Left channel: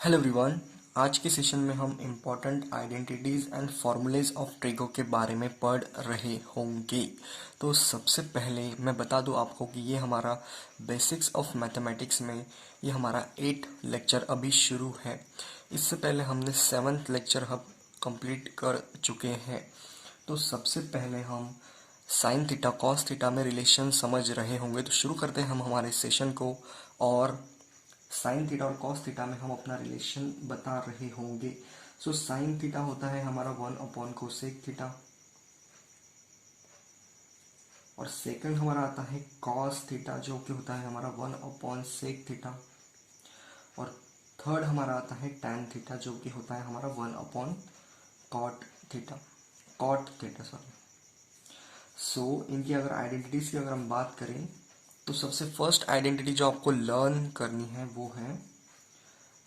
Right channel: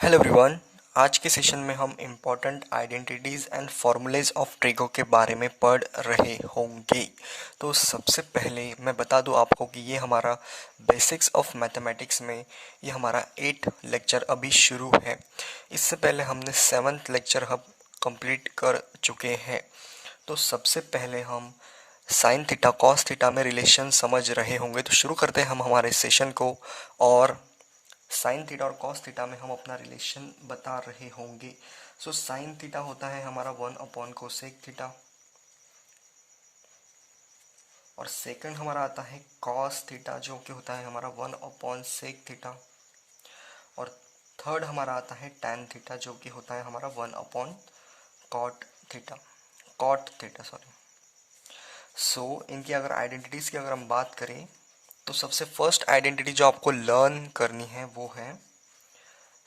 Hello everyone. आज के session में हम important identities and formulas of trigo के बारे में पढ़ रहे होंगे। तो सबसे पहले मैं बता दूं आपको कि ये हमारा बेसिक्स ऑफ मैथमेटिक्स में ये हमारा 8 लेक्चर अभी शुरू है। इससे पहले हमने 7th लेक्चर हम कंप्लीट कर चुके हैं। तो सबसे पहले हम साइन थीटा कॉस थीटा में रिलेशन समझ रहे होंगे। तो शुरू करते हैं हम हमारे सेशन को। और साइन थीटा और कॉस थीटा में हम अपना रिलेशन बता रहे होंगे। सो साइन थीटा होता है हमारा 1 कोसेक थीटा, और सेकंड हमारा आता है कॉस थीटा जो कि होता है हमारा 1/सेक थीटा, और थर्ड हमारा आता है टैन थीटा जो कि होता है हमारा 1/कॉट थीटा, कॉट थीटा सॉरी। सो इनकी अगर आइडेंटिटीज़ की अगर हम बात करें तो सबसे फर्स्ट आइडेंटिटी जो आपको लर्न करनी है वो है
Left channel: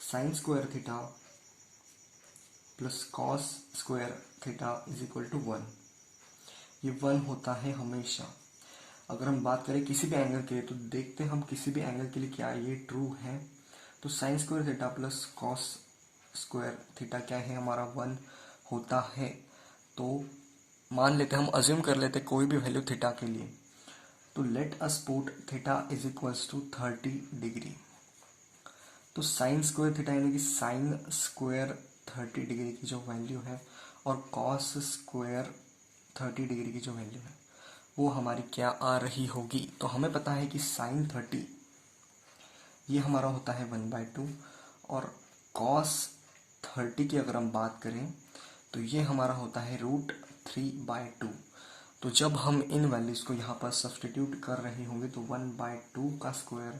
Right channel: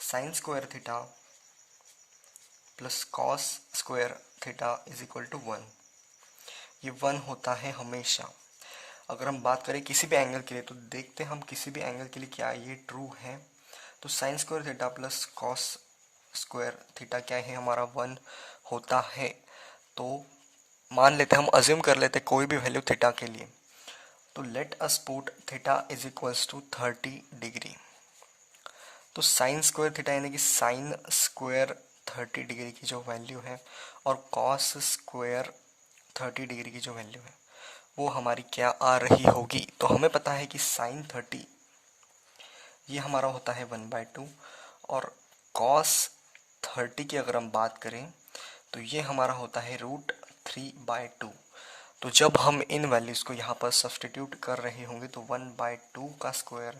sine square theta plus cos square theta is equal to 1। ये 1 होता है हमेशा। अगर हम बात करें किसी भी एंगल के लिए तो देखते हैं हम किसी भी एंगल के लिए क्या ये ट्रू है। तो sine square theta plus cos square theta क्या है हमारा 1 होता है। तो मान लेते हैं, हम अज्यूम कर लेते हैं कोई भी वैल्यू थीटा के लिए। तो let us put theta is equals to 30 degree. तो साइन स्क्वायर थीटा यानी कि साइन स्क्वायर 30 डिग्री की जो वैल्यू है और कॉस स्क्वायर 30 डिग्री की जो वैल्यू है वो हमारी क्या आ रही होगी। तो हमें पता है कि साइन 30 ये हमारा होता है 1/2, और कॉस 30 की अगर हम बात करें तो ये हमारा होता है √3/2। तो जब हम इन वैल्यूज़ को यहाँ पर सब्सटीट्यूट कर रहे होंगे तो 1/2 का स्क्वायर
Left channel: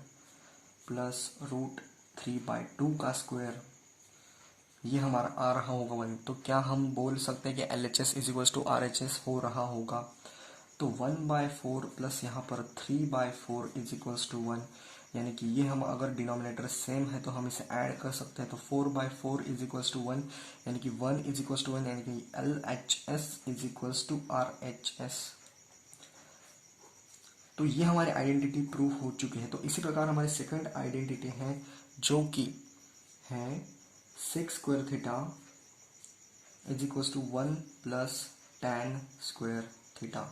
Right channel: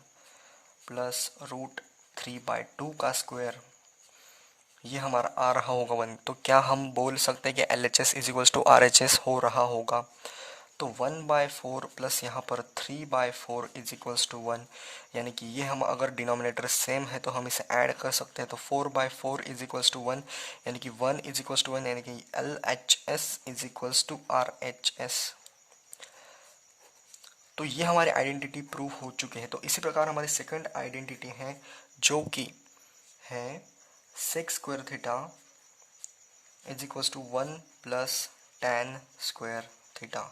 प्लस √3/2 का स्क्वायर ये हमारा आ रहा होगा 1। तो क्या हम बोल सकते हैं कि LHS is equals to RHS हो रहा होगा। तो 1/4 प्लस यहाँ पर 3/4 इज इक्वल्स टू 1, यानी कि ये हम अगर डिनोमिनेटर सेम है तो हम इसे ऐड कर सकते हैं। तो 4/4 इज इक्वल्स टू 1, यानी कि 1 इज इक्वल्स टू 1, यानी कि LHS is equals to RHS। तो ये हमारे आइडेंटिटी प्रूव हो चुके हैं। तो इसी प्रकार हमारे सेकंड आइडेंटिटी है जो कि है sec square theta is equals to 1 plus tan square theta.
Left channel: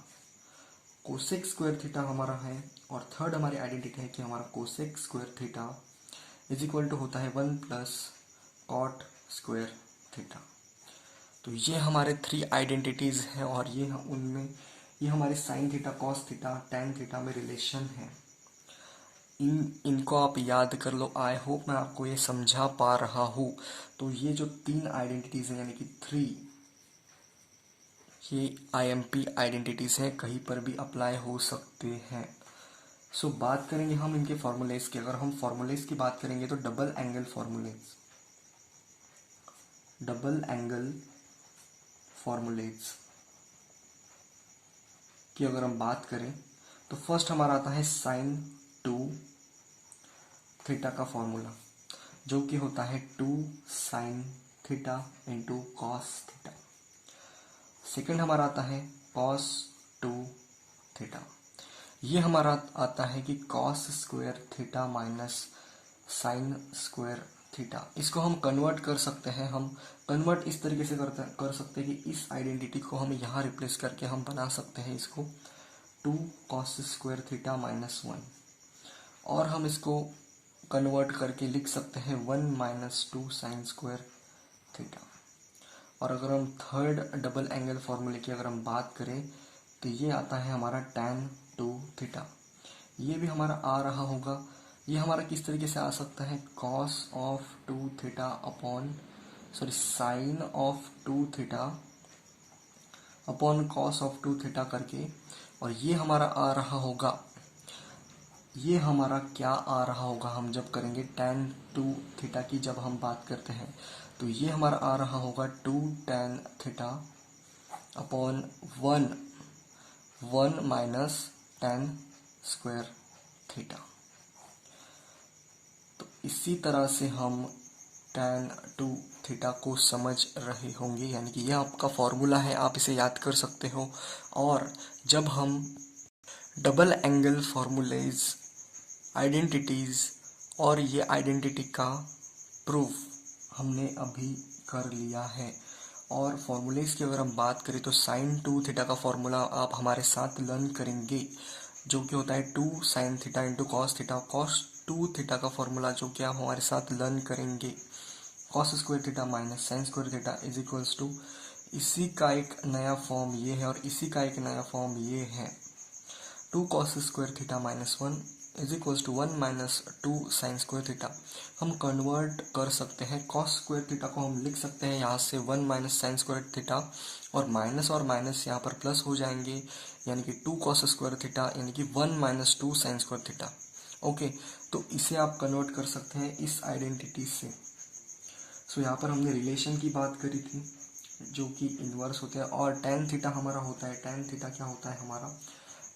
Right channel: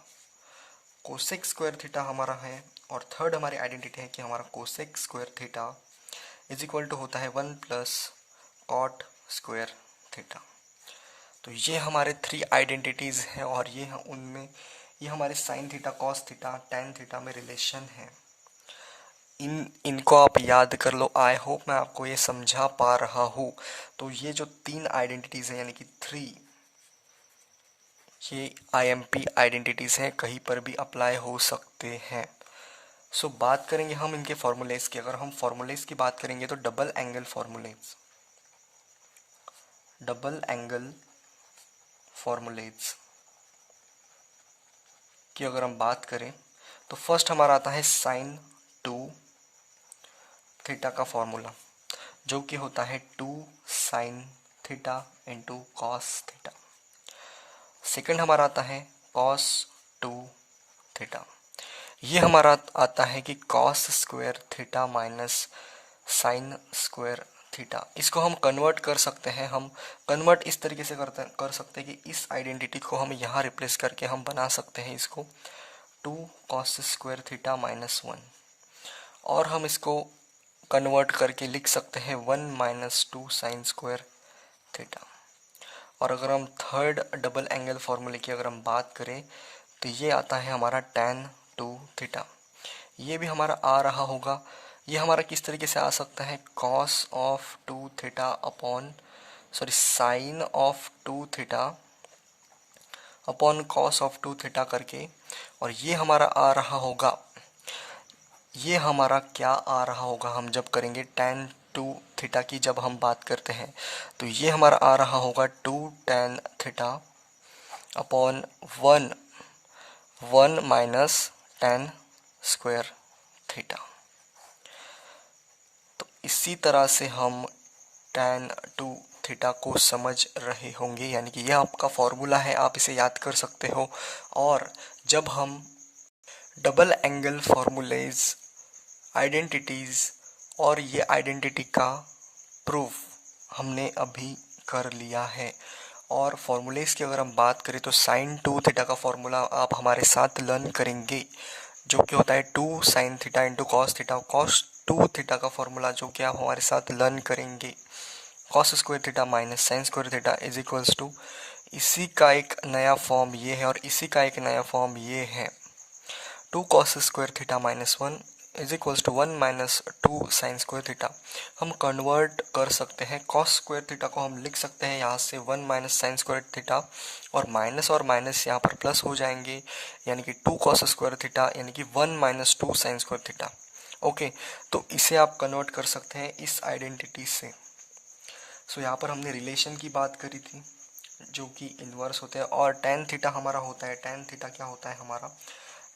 Cosec square theta हमारा है, और थर्ड हमारी आइडेंटिटी है कि हमारा cosec square theta is equal to होता है 1 प्लस कॉट स्क्वायर थीटा। तो ये हमारे 3 आइडेंटिटीज़ हैं, और ये हमारे sine theta cos theta tan theta में रिलेशन है। इनको आप याद कर लो। आई होप मैं आपको ये समझा पा रहा हूँ। तो ये जो 3 आइडेंटिटीज़ हैं यानी कि 3, ये IMP आइडेंटिटीज़ हैं, कहीं पर भी अप्लाई हो सकते हैं। सो बात करेंगे हम इनके फॉर्मूलेज की। अगर हम फॉर्मूलेज की बात करेंगे तो डबल एंगल फॉर्मूलेज की अगर हम बात करें तो फर्स्ट हमारा आता है साइन 2 थीटा का फॉर्मूला जो कि होता है 2 sine theta into cos theta. Second हमारा आता है कॉस 2 थीटा। ये हमारा आता है कि cos square theta minus sine square theta. इसको हम कन्वर्ट कर सकते हैं। हम कन्वर्ट इस तरीके से कर सकते हैं कि इस आइडेंटिटी को हम यहाँ रिप्लेस करके हम बना सकते हैं इसको 2 कॉस स्क्वायर थीटा माइनस 1, और हम इसको कन्वर्ट करके लिख सकते हैं 1 माइनस 2 साइन स्क्वायर थीटा। और अगर हम थर्ड डबल एंगल फार्मूले की अगर हम बात करें तो ये आता है हमारा tan 2 थीटा। ये भी हमारा आ रहा होगा। ये हमारा किस तरीके से आ सकता है cos of 2 theta upon sine of 2 theta upon cos of 2 theta करके, और ये हमारा आ रहा होगा, ये हमारा क्या आ रहा होगा हम जब करेंगे tan 2 थीटा की जब हम बात करते हैं तो ये हमारा आ रहा होगा 2 tan theta upon 1 minus tan square theta. तो इसी तरह से हम tan 2 थीटा को समझ रहे होंगे, यानी कि यह आपका फॉर्मूला है, आप इसे याद कर सकते हो। और जब हम डबल एंगल फार्मूलेज आइडेंटिटीज़ और ये आइडेंटिटी का प्रूफ हमने अभी कर लिया है। और फॉर्मूलेज़ की अगर हम बात करें तो साइन 2 थीटा का फॉर्मूला आप हमारे साथ लर्न करेंगे, जो कि होता है 2 sine theta into cos theta. Cos 2 theta का फॉर्मूला जो कि आप हमारे साथ लर्न करेंगे, cos square theta minus sine square theta is equals to, इसी का एक नया फॉर्म ये है और इसी का एक नया फॉर्म ये है, 2 cos square theta minus 1 is equals to 1 minus 2 sine square theta. हम कन्वर्ट कर सकते हैं, कॉस स्क्वायर थीटा को हम लिख सकते हैं यहाँ से 1 माइनस साइन स्क्वायर थीटा, और माइनस यहाँ पर प्लस हो जाएंगे, यानी कि 2 कॉस स्क्वायर थीटा यानी कि 1 minus 2 sine square theta. Okay, तो इसे आप कन्वर्ट कर सकते हैं इस आइडेंटिटी से। सो यहाँ पर हमने रिलेशन की बात करी थी जो कि इन्वर्स होते हैं, और टेन थीटा हमारा होता है, टेन थीटा क्या होता है हमारा,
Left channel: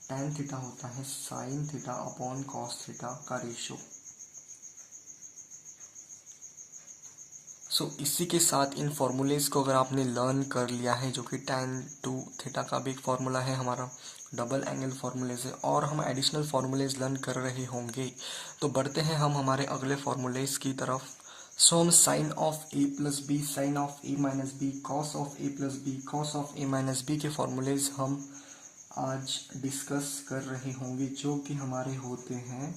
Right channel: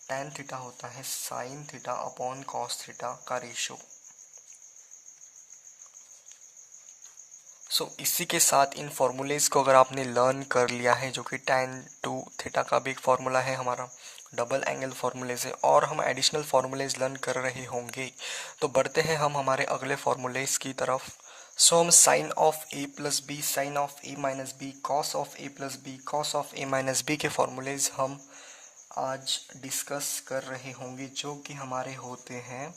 टेन थीटा होता है sine theta upon cos theta का रेशो। सो इसी के साथ इन फॉर्मूलेज को अगर आपने लर्न कर लिया है, जो कि टेन टू थीटा का भी एक फॉर्मूला है हमारा, डबल एंगल फॉर्मूलेज है, और हम एडिशनल फॉर्मूलेज लर्न कर रहे होंगे, तो बढ़ते हैं हम हमारे अगले फॉर्मूलेज की तरफ। सो हम sine of A plus B, sine of A minus B, cos of A plus B, cos of A minus B के फॉर्मूलेज हम आज डिस्कस कर रहे होंगे, जो कि हमारे होते हैं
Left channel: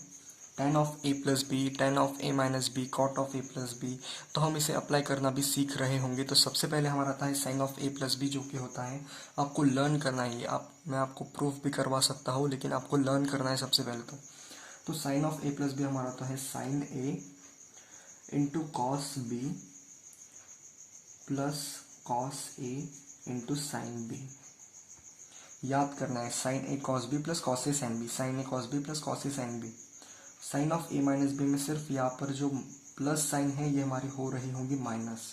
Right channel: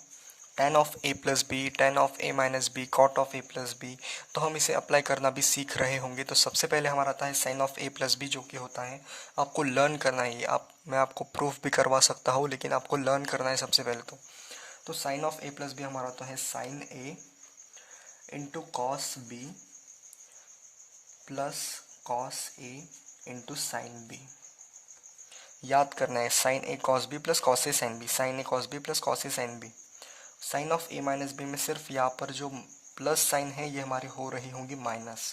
tan of A plus B, tan of A minus B, cot of A plus B. तो हम इसे अप्लाई करना भी सीख रहे होंगे। तो सबसे पहले हमारा आता है sine of A plus B, जो कि होता है, आपको लर्न करना है ये, मैं आपको प्रूफ भी करवा सकता हूँ, लेकिन आपको लर्न करना है सबसे पहले। तो sine of A plus B हमारा होता है sine A into cos B plus cos A into sine B. याद करना है, sine A cos B plus cos A sine B, sine A cos B plus cos A sine B. Sine of A minus B में सिर्फ यहाँ पर जो plus sign है ये हमारी हो रही होंगी माइनस,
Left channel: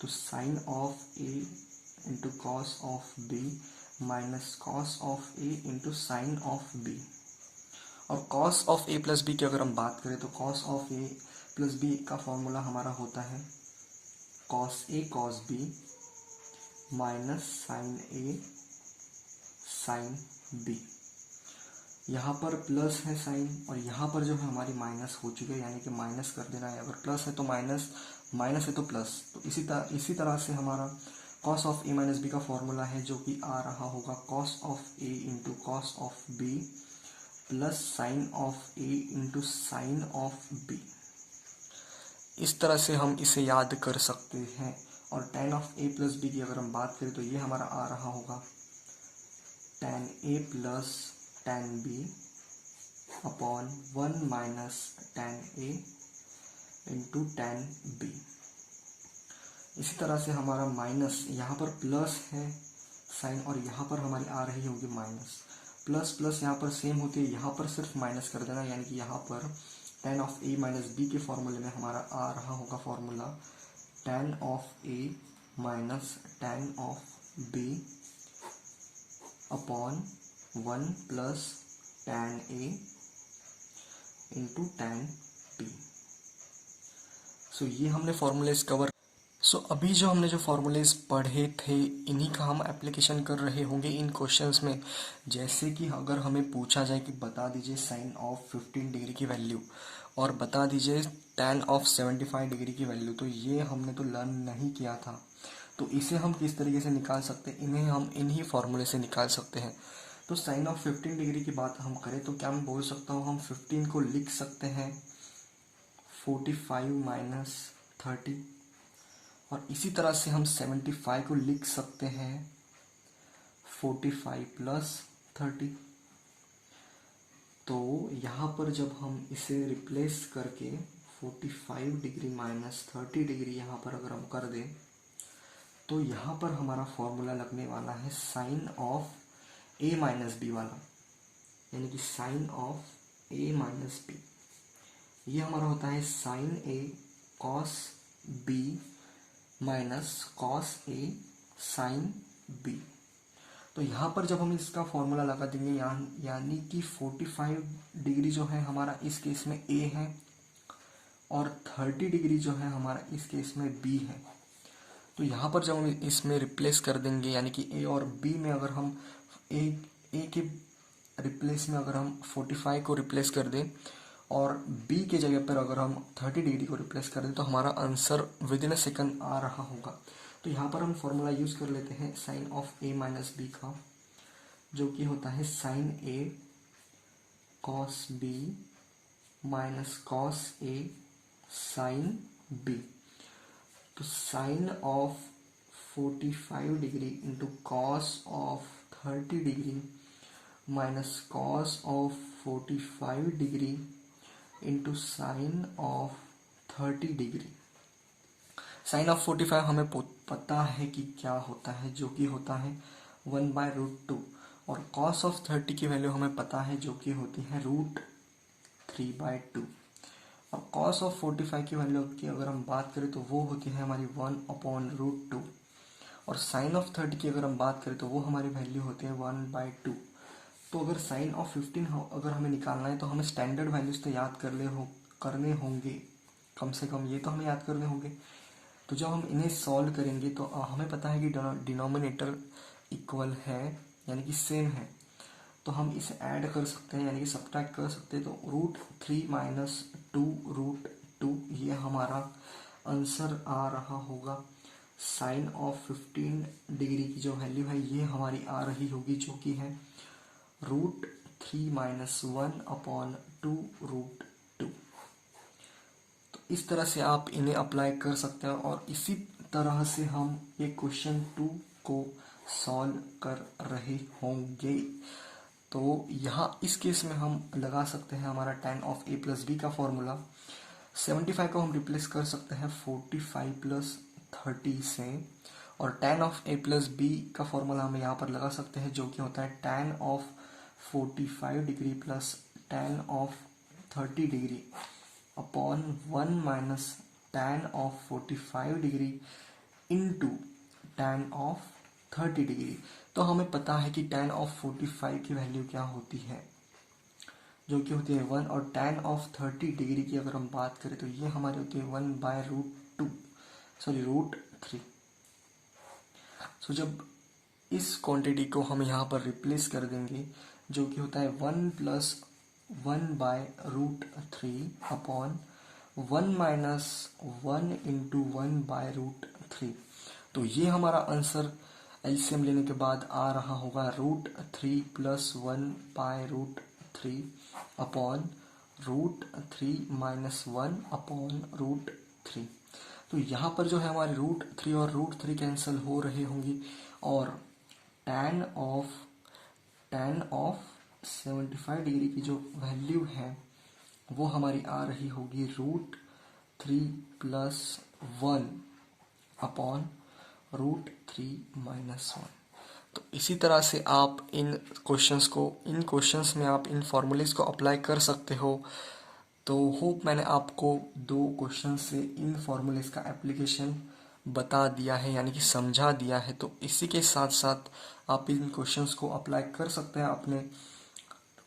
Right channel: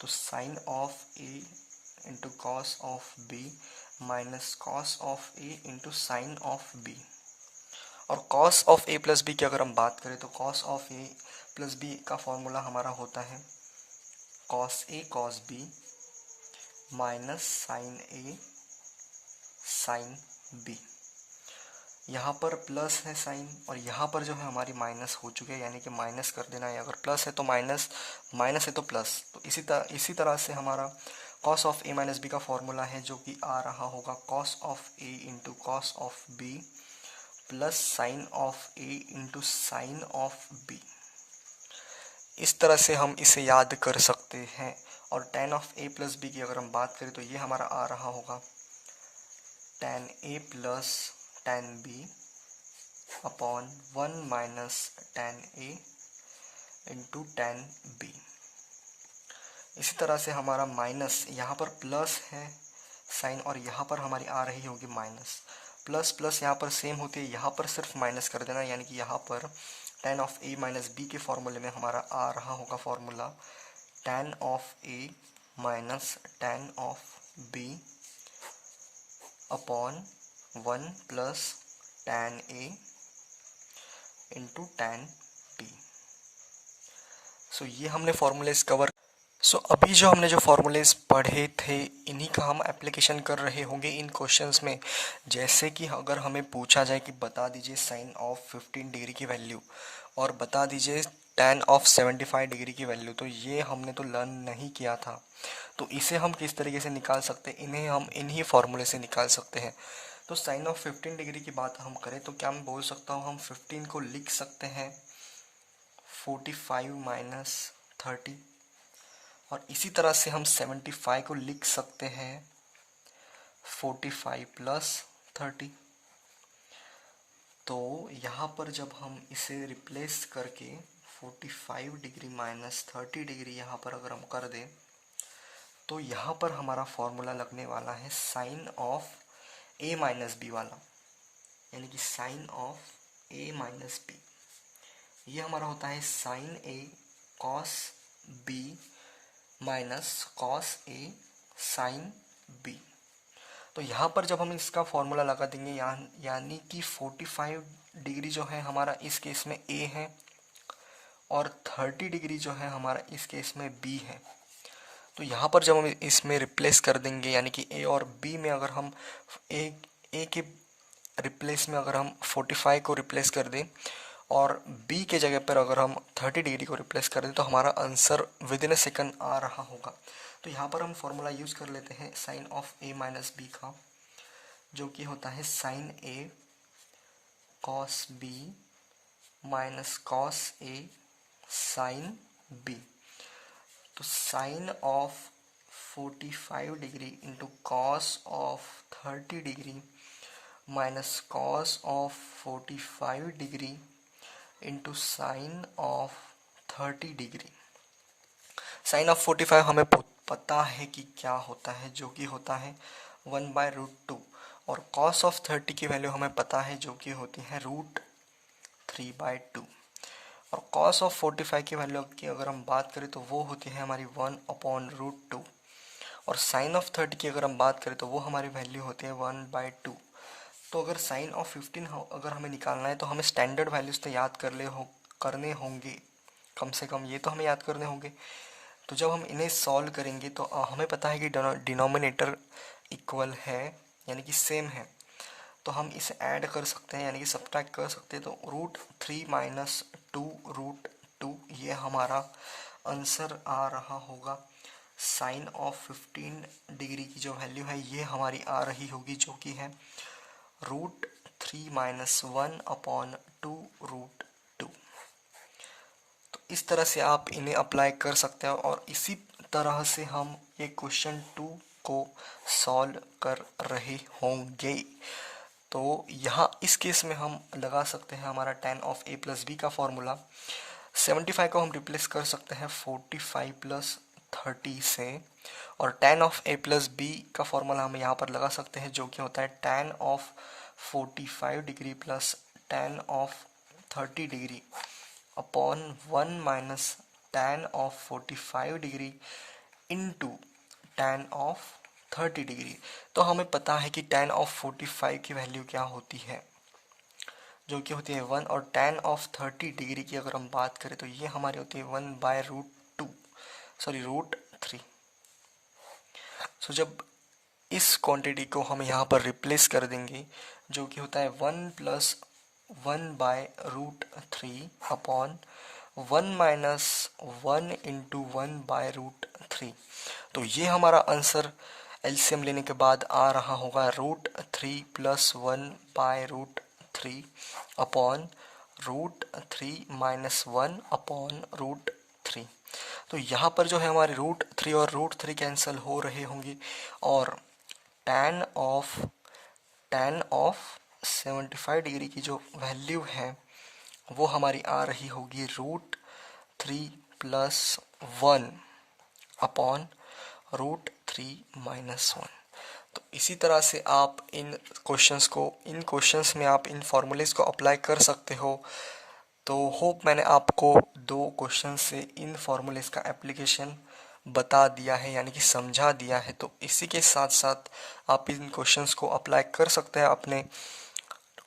तो sine of A into cos of B minus cos of A into sine of B. और cos of A plus B की अगर हम बात करें तो cos of A plus B का फॉर्मूला हमारा होता है cos A cos B minus sine A sine B. यहाँ पर प्लस है साइन और यहाँ पर जो है हमारी माइनस हो चुकी है, यानी कि माइनस कर देना है, अगर प्लस है तो माइनस, माइनस है तो प्लस। तो इसी तरह से हमारा cos of A minus B का फॉर्मूला है, जो कि आ रहा होगा cos of A into cos of B plus sine of A into sine of B. इस तरह से हम इसे याद कर सकते हैं। और tan of A plus B की अगर हम बात करें तो ये हमारा आ रहा होगा tan A plus tan B upon 1 minus tan A into tan B. इसी तरह से हमारा माइनस, यहाँ पर प्लस है साइन और यहाँ पर हमारी आ रही होगी माइनस, प्लस प्लस यहाँ पर सेम होती है, यहाँ पर सिर्फ माइनस कर देना, यानी कि यहाँ पर tan of A minus B के फॉर्मूले में हमारा आ रहा होगा formula tan of A minus tan of B upon 1 plus tan A into tan B. So ये हमने फॉर्मूलेज कवर। सो अभी जो हमने जो फॉर्मूलेज पढ़े थे, इन्हीं का हम एप्लीकेशन कर रहे होंगे इन क्वेश्चंस में। जैसे कि अगर हमें पूछा जाए कि बता दीजिए साइन ऑफ 15 डिग्री की वैल्यू और बता दीजिए tan ऑफ 75 डिग्री की वैल्यू, तो ये हमने तो लर्न नहीं किया था। तो इसे हम किस तरीके से निकाल सकते हैं, इन्हें हम इन्हीं फॉर्मूले से निकाल सकते हैं। तो साइन ऑफ 15 डिग्री की बात हम करें तो क्या मैं बोल सकता हूँ, हम 15 को लिख सकते हैं 45 माइनस 30, और इसी तरह से हम 75 को लिख सकते हैं 45 प्लस 30। तो यहाँ पर जब हम इसे रिप्लेस करके 45 डिग्री माइनस 30 डिग्री यहाँ पर अगर हम कर दें, तो यहाँ पर हमारा फॉर्मूला लगने वाला है sine of A minus B वाला, यानी कि sine of A minus B. ये हमारा होता है sine A cos B minus cos A sine B. तो यहाँ पर जब हम इसका फॉर्मूला लगा देंगे, यानी कि 45 डिग्री जो है हमारा इस केस में ए है और 30 डिग्री जो है हमारा इस केस में बी है। तो यहाँ पर जब हम इसमें रिप्लेस कर देंगे, यानी कि ए और बी में अगर हम ए के रिप्लेस में अगर हम 45 को रिप्लेस कर दें और b के जगह पर अगर हम 30 डिग्री को रिप्लेस कर दें तो हमारा answer within a second आ रहा होगा। तो यहाँ पर हम फॉर्मूला यूज़ कर लेते हैं sine of a minus B का, जो कि होता है sine a cos b minus cos a sine b। तो sine of 45 degree into cos of 30 degree minus cos of 45 degree into sine of 30 degree. Sine of 45 हमें पता है कि क्या होता है, जो कि होता है 1/√2, और कॉस ऑफ 30 की वैल्यू हमें पता है जो कि होती है √3/2, और कॉस ऑफ 45 की वैल्यू की अगर हम बात करें तो वो होती है हमारी 1/√2, और साइन ऑफ 30 की अगर हम बात करें तो वो हमारी वैल्यू होती है 1/2। तो अगर साइन ऑफ 15 अगर हमें निकालना है तो हमें स्टैंडर्ड वैल्यूज़ तो याद करने होंगे, कम से कम ये तो हमें याद करने होंगे। तो जब हम इन्हें सॉल्व करेंगे तो हमें पता है कि डिनोमिनेटर इक्वल है, यानी कि सेम है, तो हम इसे ऐड कर सकते हैं, यानी कि सब्ट्रैक्ट कर सकते हैं। तो √3 - 2√2 ये हमारा आंसर आ रहा होगा। साइन ऑफ 15 डिग्री की जो वैल्यू है ये हमारी आ रही होगी, जो कि है √3 - 1/2√2। तो इस तरह से आप इन्हें अप्लाई कर सकते हैं, और इसी तरह से हम ये क्वेश्चन 2 को सॉल्व कर रहे होंगे। तो यहाँ इस केस में हम लगा सकते हैं हमारा tan of a plus B का फॉर्मूला। 75 को हम रिप्लेस कर सकते हैं 45 + 30 से, और tan of a plus B का फॉर्मूला हम यहाँ पर लगा सकते हैं, जो कि होता है tan of 45 degree plus tan of 30 degree upon 1 - tan of 45 degree into tan of 30 degree. तो हमें पता है कि tan ऑफ 45 की वैल्यू क्या होती है, जो कि होती है 1, और tan ऑफ 30 डिग्री की अगर हम बात करें तो ये हमारी होती है 1/√3। सो जब इस क्वांटिटी को हम यहाँ पर रिप्लेस कर देंगे, जो कि होता है 1 + 1/√3 अपॉन 1 - 1 इंटू 1/√3। तो ये हमारा आंसर एलसीएम लेने के बाद आ रहा होगा √3 + 1/√3 अपॉन √3 - 1/√3। तो यहाँ पर जो है हमारे √3 और √3 कैंसिल हो रहे होंगे, और tan ऑफ 75 डिग्री की जो वैल्यू है वो हमारी आ रही होगी √3 + 1 अपॉन √3 - 1। तो इसी तरह से आप इन क्वेश्चंस में आप इन फॉर्मूलेस को अप्लाई कर सकते हो। तो होप मैंने आपको 2 क्वेश्चन से इन फॉर्मूलेस का एप्लीकेशन बता दिया है, यानी कि समझा दिया है। तो इसी के साथ साथ आप इन क्वेश्चंस को अप्लाई कर सकते हैं अपने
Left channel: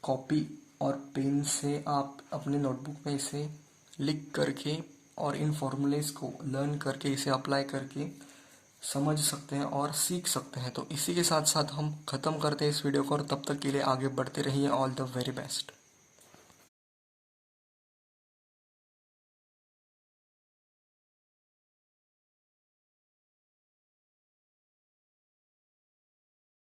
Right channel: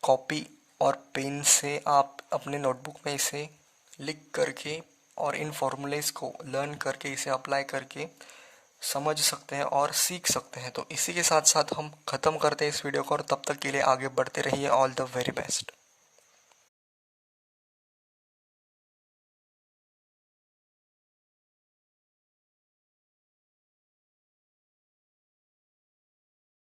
कॉपी और पेन से। आप अपने नोटबुक में इसे लिख करके और इन फॉर्मूलेस को लर्न करके इसे अप्लाई करके समझ सकते हैं और सीख सकते हैं। तो इसी के साथ साथ हम ख़त्म करते हैं इस वीडियो को, और तब तक के लिए आगे बढ़ते रहिए। All the very best.